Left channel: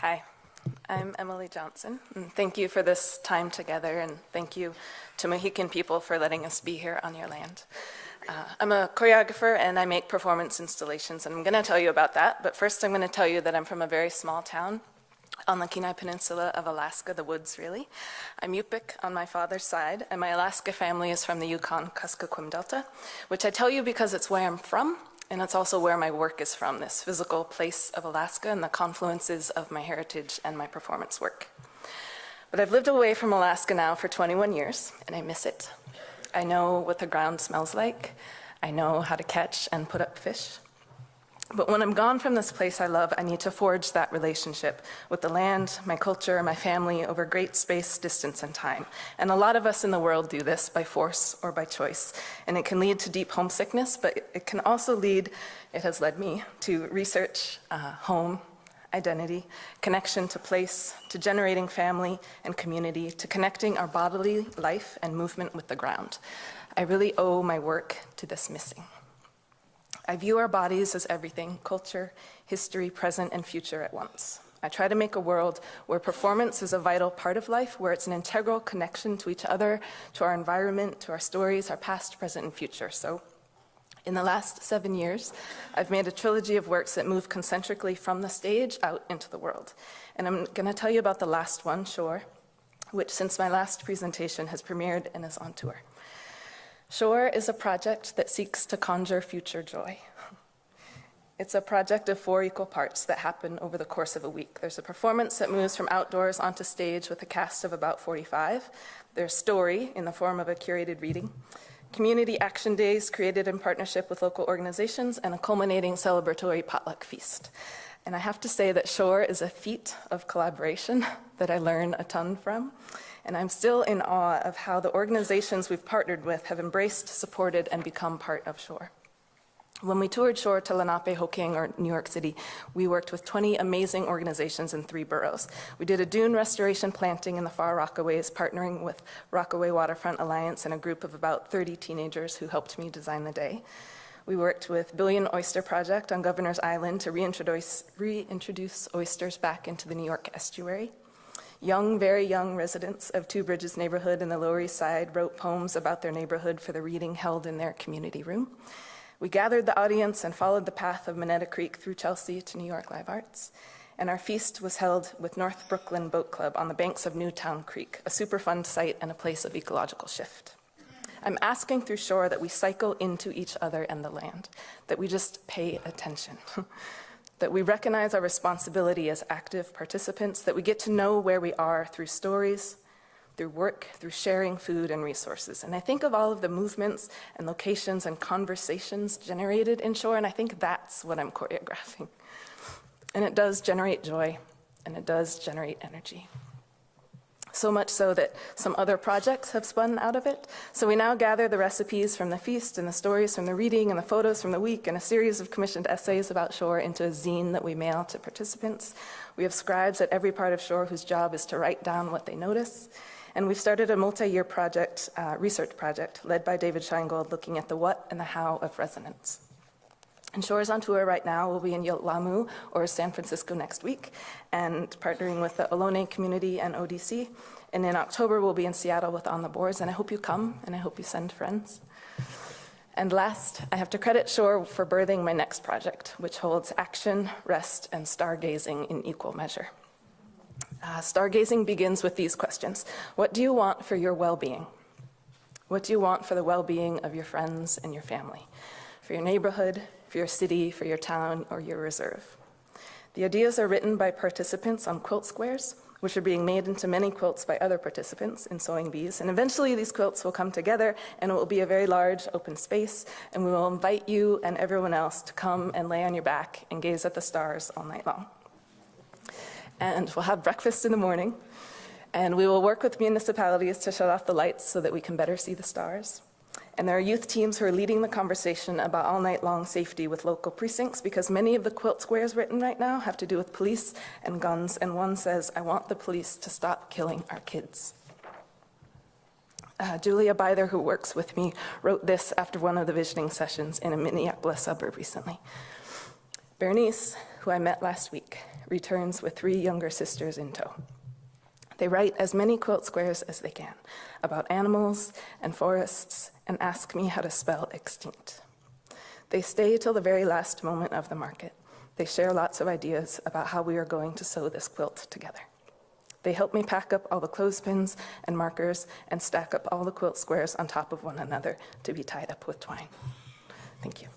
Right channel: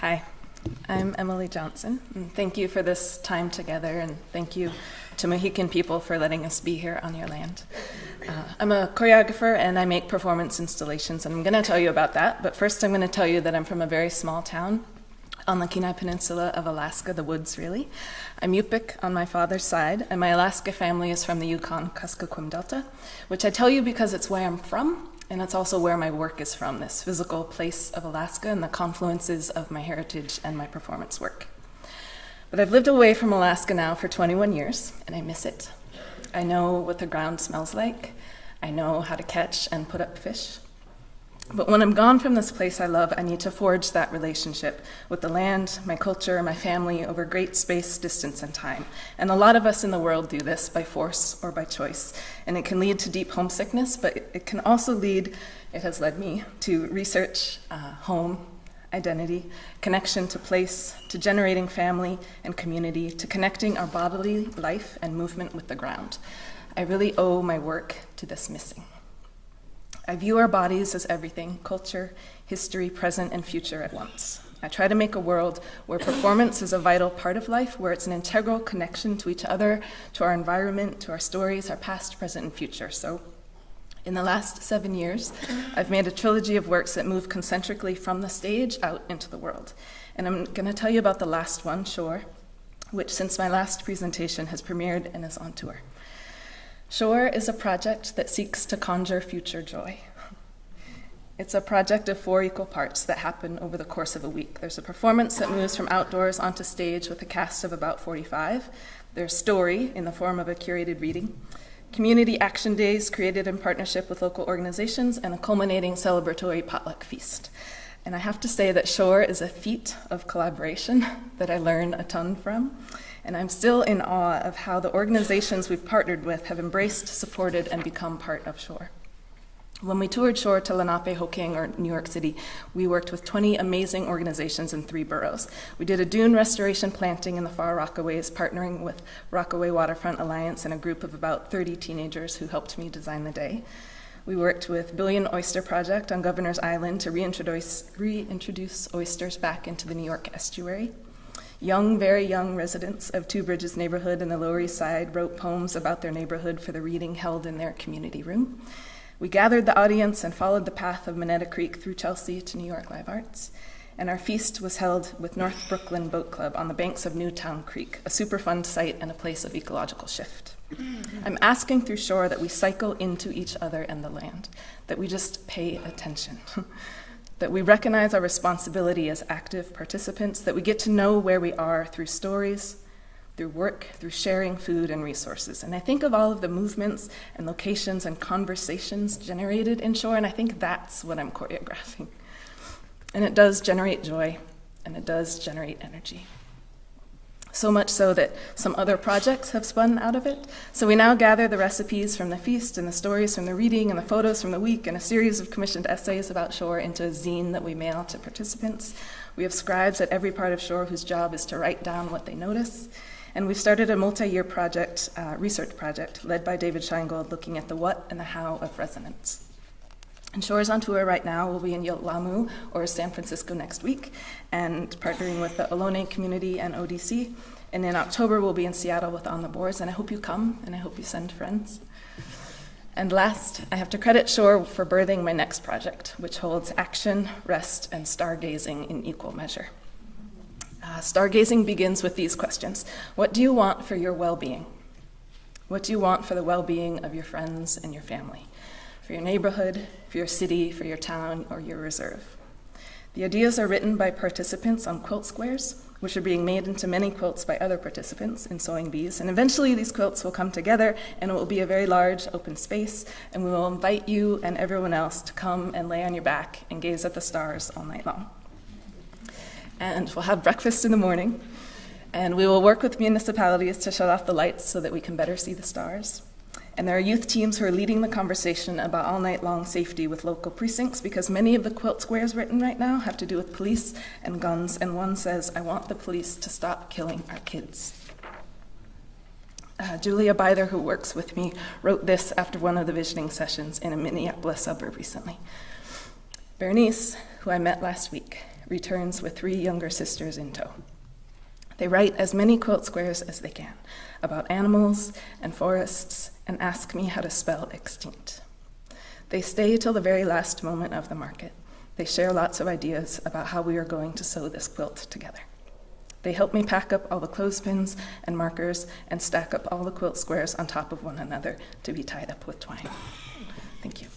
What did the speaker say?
Hi, I'm Emily Johnson, and thank you for this time together, and thank you to Mohican people for letting us be here on your land. I'm a choreographer, and I make performance installations, and I'm going to tell you about that, but first I'm going to tell you that I'm from a very small town on the Kenai Peninsula of Alaska, the woods, really. I'm Yupik on my father's side, and my Alaska family is from the Yukon-Kuskokwim Delta, which I tell you because it's where I'm from, and it's also where my work is from, this physical place of Alaska and the confluences of my heritage and my performance work. But I've lived away from Alaska now for 21 years, and I miss it. I know what the ground smells like. I know how to catch and put up fish. But when I'm gone from this place I love, I need to forge that relationship with the land, my culture, my family over great space, distance, and time. And a lot of us in the world do this by force or by choice. And it can lead to deep homesickness, but it can also lead, it has led me, to research, home, identity, connection to place, to generating family and community, to connecting our bodily life and movement with the ground. I really owe my work to this missing. I view our bodies as everything, culture, history, present, and future at once. I try to make a world where performance is a vital part of life, where it's an integral connection to each other, to our environment, to our stories, our past, present, and future. So in the last 7 years, I've made a trilogy of works that move concentrically from the stage out into the world. And I'm going to tell you about the last one, Shore, which since my last presentation has premiered and is on tour. Shore is a project that seeks to conjure future joy. It's a project of 4 equal parts that happen over the course of a week. There's a performance that moves from outdoors onto stage with a cast of about 45. There's story in the form of a curated reading, community action days created in partnership with local organizations, and a culminating celebratory potluck feast. And I have to say that Shore is a feat of collaboration that I learn a ton from. And I'm still in awe of how the organizations we've partnered with have embraced, supported, and become part of Shore. When we toured Shore to Lenape, Hoking, or New York City, we worked with 20 amazing organizations in 3 boroughs. We did a dune restoration planting in the Far Rockaways, partnering with Rockaway Waterfront Alliance and a group of about 30 teenagers who helped me design the day. We worked with Billion Oyster Project on Governor's Island to reintroduce oysters back into the New York estuary. Young, very young residents of Two Bridges neighborhood in the Lower East Side wrote poems about their neighborhood for the reading held in their community room. We gathered the audience and followed the path of Monetta Creek through Chelsea to New York Live Arts. And our feast was held with North Brooklyn Boat Club on the banks of Newtown Creek, a Superfund site and a place of ecological shift. I'm asking through Shore that we cycle into each other and the land, that we just pay attention. That we recognize our responsibility as active participants, that we get to know where we are through stories, through work, through sharing food and resources. And I think of all of the movements and locations and conversations generated in Shore, and I think that's what I'm choreographing. And it does generate joy, and it does generate energy. So much so that some other projects have spun out of it. So we now gather the recipes from the feast and the stories from the reading and the photos from the week and a series of commissioned essays about Shore into a zine that we mail to participants. We have scribes at every part of Shore whose job is to write down what they notice. And we've started a multi-year project, research project, led by David Scheingold, looking at the what and the how of resonance. And Shore is on tour right now. We'll be in Lamu or San Francisco next week, and partnering with the Ohlone community and ODC. And in October, we'll be in Seattle with On the Boards, and I hope you come, and I hope you send friends. And last, I have to credit Shore for birthing my next project, which holds action, rest, and stargazing in equal measure. Stargazing begins with these questions. What do you want for your well-being? What do you want for the well-being of your friends and your family? For your neighborhood, for your city, for your town, or your reserve. The ideas are written by participants on quilt squares, which are being made into many quilts by other participants in Sewing Bees. And eventually these quilts will come together and it will be a very large open space, and we will invite you and everyone else to come and lay on your back and gaze at the stars all night long. And we'll have breakfast in the morning, and we will work with municipalities to shut off the lights so that we can better see the stars. And there are youth teams who are leading the conversation about all night long safety with local precincts, because many of the quilt squares written right now have to do with police and guns, and one says, I want the police to stop killing our kids. Julia Byther, who works with me, wrote this after one of the visioning sessions in a Minneapolis suburb recently. Bernice, who I met last week, returns with 3 younger sisters in tow. They write as many quilt squares as they can about animals and forests and ask me how to spell extinct. They stay till the very last moment of the market. They share lots of ideas about how we are going to sew this quilt together. They help me pack up all the clothespins and markers and stack up all the quilt squares on top of one another to be tied up with twine. Thank you.